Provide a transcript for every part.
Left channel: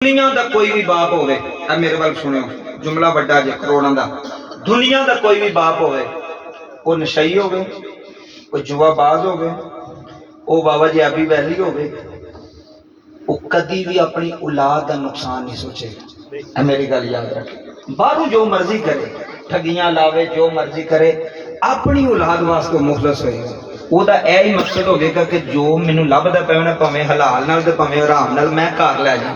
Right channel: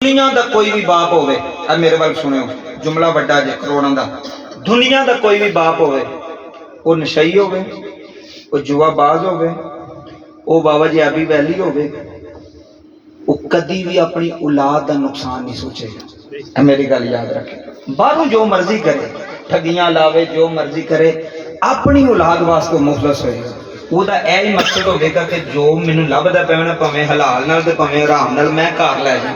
दुनिया का कोई भी बाप होवे, मेरे वाल सुनो, जुमला बड़ा जे करोड़ों का। दुनिया का कोई भी बाप होवे, वो नशई होवे, वो जुआबाज होवे, वो बाबा जी आबी वैली होवे, वो कदी भी अपनी औलाद का नुकसान नहीं सोचेगा। मेरी गल याद रखे, बाहरों जो मर्जी करे, ठगियां लावे, जो मर्जी करे, अपनी औलाद वास्ते मुखलस होएगा। ਉਹਦਾ ਇਹ ਹੀ ਮਕਸਦ ਹੋਵੇਗਾ ਕਿ ਜੋ ਮੈਨੂੰ ਲੱਭਦਾ ਪਿਆ ਨਾ, ਭਾਵੇਂ ਹਲਾਲ ਨਾਲ ਤੇ ਭਾਵੇਂ ਹਰਾਮ ਨਾਲ, ਮੈਂ ਘਰ ਲੈ ਜਾ।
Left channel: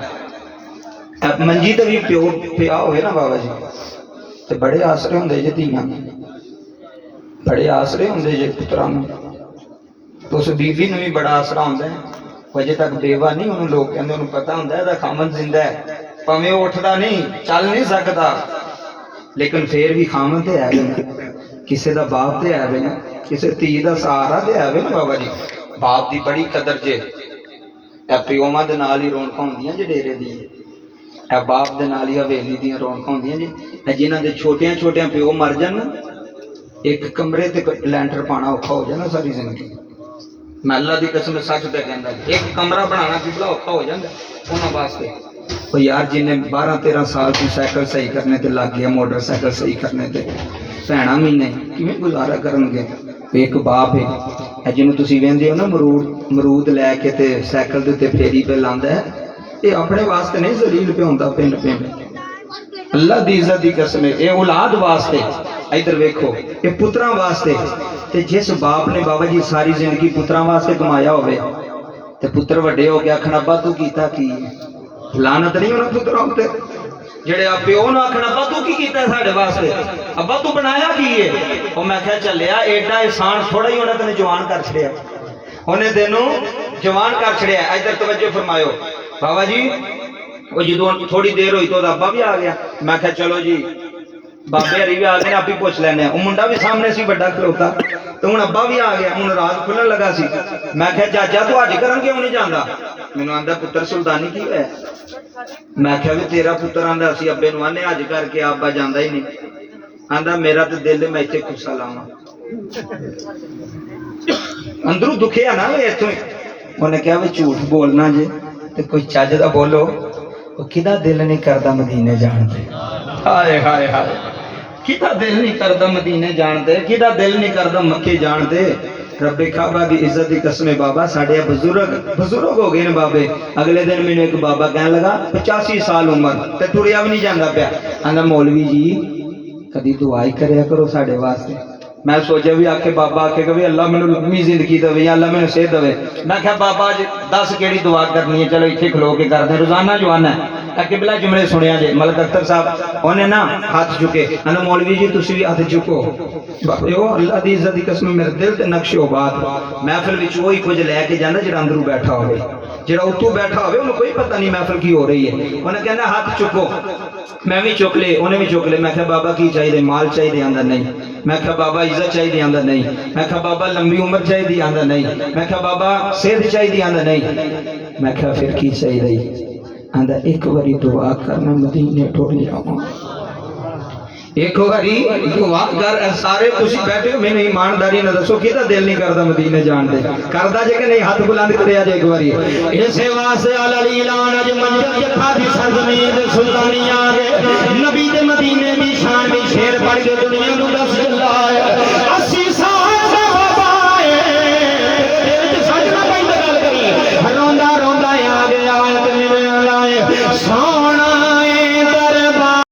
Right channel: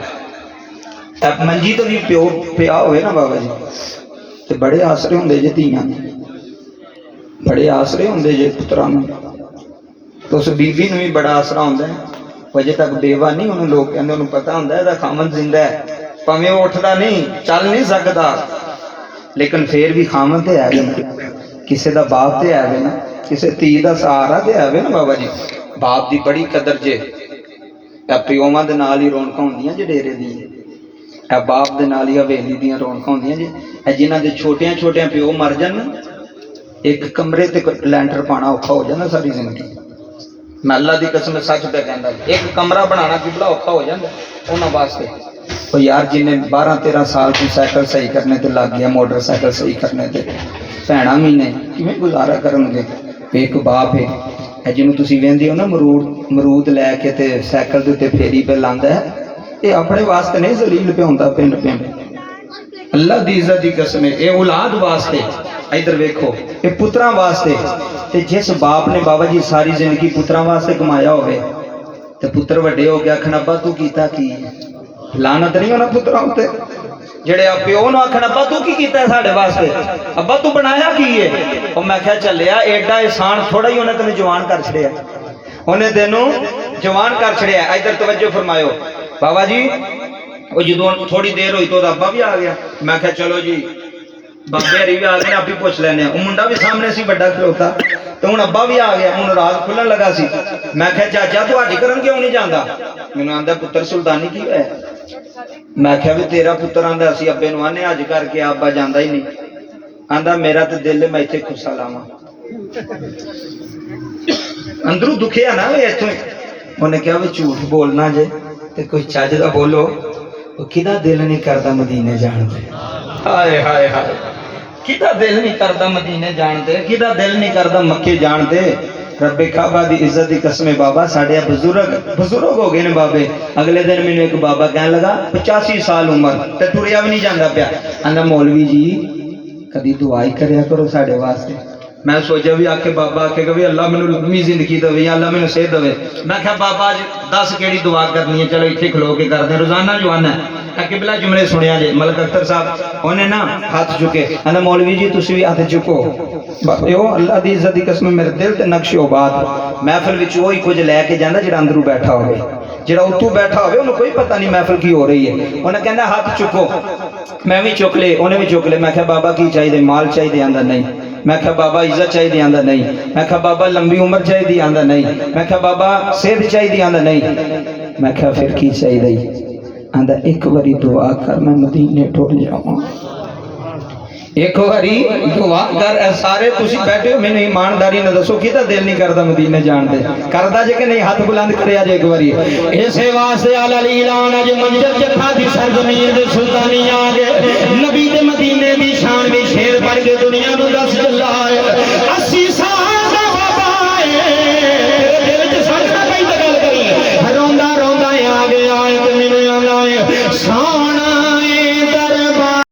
ਮੰਜੀ ਤੋਂ ਵੀ ਪਿਓ ਪਿਆ ਹੋਵੇ ਨਾ ਬਾਬਾ ਜੀ, ਤੇ ਬੜੇ ਆਸਰੇ ਹੁੰਦੇ ਜੇ ਧੀਆਂ, ਬੜੇ ਆਸਰੇ ਹੁੰਦੇ ਜੇ ਪੁੱਤਰਾਂ ਨੂੰ। ਤੇ ਉਸ ਬੀਬੀ ਨੂੰ ਵੀ ਬੜਾ ਆਸਰਾ ਹੁੰਦਾ ਹੈ। ਵਜੇ ਤੱਕ ਬੇਵਾ ਨਹੀਂ, ਉਹਨੂੰ ਲੋਕ ਕਹਿੰਦੇ, ਉਹਨੂੰ ਪਤਾ ਹੁੰਦਾ ਇਹਦਾ ਖਾਮਨ ਜ਼ਿੰਦਾ ਹੈ, ਭਾਵੇਂ ਉਹ ਉੱਠਦਾ ਨਹੀਂ, ਚੱਲ ਨਹੀਂ ਸਕਦਾ, ਲੇਕਿਨ ਫੇਰ ਵੀ ਖਾਮਨ ਤੇ ਹੈ ਨਾ, ਕਿਸੇ ਦਾ ਬਾਪ ਤੇ ਹੈ ਨਾ, किसी धी का सहारा तो है ना बाबा जी। बाप की बड़ी कदर जे, प्योवां दे नाल ही रौनक होंदियां जे डेरे दी, बाप दे नाल ही हवेली दी रौनक होंदियां जे। जिन्हां दे छोटियां छोटियां प्यो मर जान, एक कमरे ते लैंटर पाना औखा हो जाना सारी जिंदगी। मैं अल्लाह दी कसम सच पे कहंदा, एक कमरा बनाना कितना औखा हो जाता उन्हां वास्ते। तो यार जिन्हें 12-13 साल की साइकिल सही करने ते लग गया, मोटरसाइकिल सही करने ते, भैणा महीने किवें गुजारा करनगे। एक बाप है जिन्होंने तुसीं वेंदे हो ना, मरूद लैके ते साइकिल दे उत्ते फेरी पे लांदा है, ये अपने वास्ते नहीं जलील पे होंदा पिंड पिंड, अल्लाह दी इज्जत दी कसम है, ये औलाद वास्ते। इधर वेखो, ये पुत्रां वास्ते। ते जिस बाप ने बाबा जी सारी जिंदगी पुत्रां वास्ते कमाया होवे, ते पुत्र वड्डे हो के आखना अब्बा तू कीता की है, लानत नहीं होना पुत्रां उत्ते। जेड़े प्यो नूं आखना अब्बा तू की कीता है साडे वास्ते, अब्बा तू बनाया की है। और मैं क्या चलिया, एडा एहसान थोड़ा ही उन्हें तेन जवान कर छड़िया, उन्हें तेनों जवान कर छड़िया। इधर तवज्जो फरमायो बाबा जी, वो जो थोड़ी देर हुई तो अब्बा भी आ गया। मैं क्या चलो जी बाबे हरी भी आ गए, आप ही पूछ लेने। वो मुंडा भी सामने सी बड़ा खलोता, तो हूँ अब्बा भी आ गया, हूँ रात खुलन लगा सी। मैं क्या चाचा तू हज करन क्यों नहीं जाता? मैनू आंदा पुत्र सुल्तानी की है। मैं क्या भी तेरा पुत्र आंदा असी अब्बे नूं आने अज करके, अब्बा जांदा ही नहीं। आंदा मेरा तो दिल मैं इत्थे खुस्सा लावां, अंदरों दुखिया ना वे इत्थों। उन्हें क्या भी झूठ बोलना जे ते कोई चज दा बोलो, किदा दिल नहीं करदा मदीने जाण ते। हाय हाय हाय, किदा दिल नहीं करदा मदीने जाण ते, किदा दिल नहीं करदा मक्के जाण ते। रब्बे काबा दी इज्जत दी कसम बाबा, साढ़े बुजुर्ग हो गए ने बाबे। अगले दिन मैंने एक बाबा कहने लगा 85 साल उम्र ते टुरिया भी नहीं जाता पाया, आंदा मौलवी जी कदी दुआ ही करया करो साढ़े वास्ते। मैं सोचा भी आके बाबा आखेगा भी अल्लाह मैनू लंबी जिंदगी देवे या अल्लाह मैनू सेहत देवे। मैं क्या बाबा अज दस केड़ी दुआ करनी है, चलो इत्थे खलो के करते रोजाना जवाना है। किबला जुमले सुनिया जे, मलक अख्तर साहब उन्हें ना हाथ चुके, आंदा मौलवी जी तुसीं भी हाथ चुको। अल्लाह दी इज्जत दी कसम मेरे दिल ते नक्शो बात, महफिल विच वही कुछ लैके जांदा जेड़ा अंदरों बैठा होवे, जेड़ा उत्तों बैठा होवे उन्हें कोई पता नहीं महफिल की हो रही है। उन्हें कहना हाथ चुको, मैं भी चुक ले, उन्हें भी चुक ले। मैं क्या बाबा की चाहिए? माल चाहिए? आंदा नहीं। मैं क्या बाबा इज्जत चाहिए? आंदा नहीं। मैं क्या बाबा लंबी उम्र चाहिए? आंदा नहीं। मैं क्या बाबा सेहत चाहिए? आंदा नहीं। मैं क्या फिर की चाहिए? आंदा एक बारी दुआ कर मैं मदीने टुर जावां, एक बारी दुआ कर। सारे तुसी बैठे हो, मैंने ईमानदारी ना दसो किदा दिल नहीं करदा मदीने जाण दे? करदा जे कि नहीं? हाथ बुलंद करया जे एक बारी। इसे वास्ते अल ऐलान अज मंजर जखा दी सरजमीन दे सुल्तानी आ गए, नबी दे मदीने दी शान में शेर पढ़ के दुनिया नु दस चला है। 80 साल बाए दिल च सच ना पई गल करी, रोंदा रोंदा आ गया ते मेरे लाए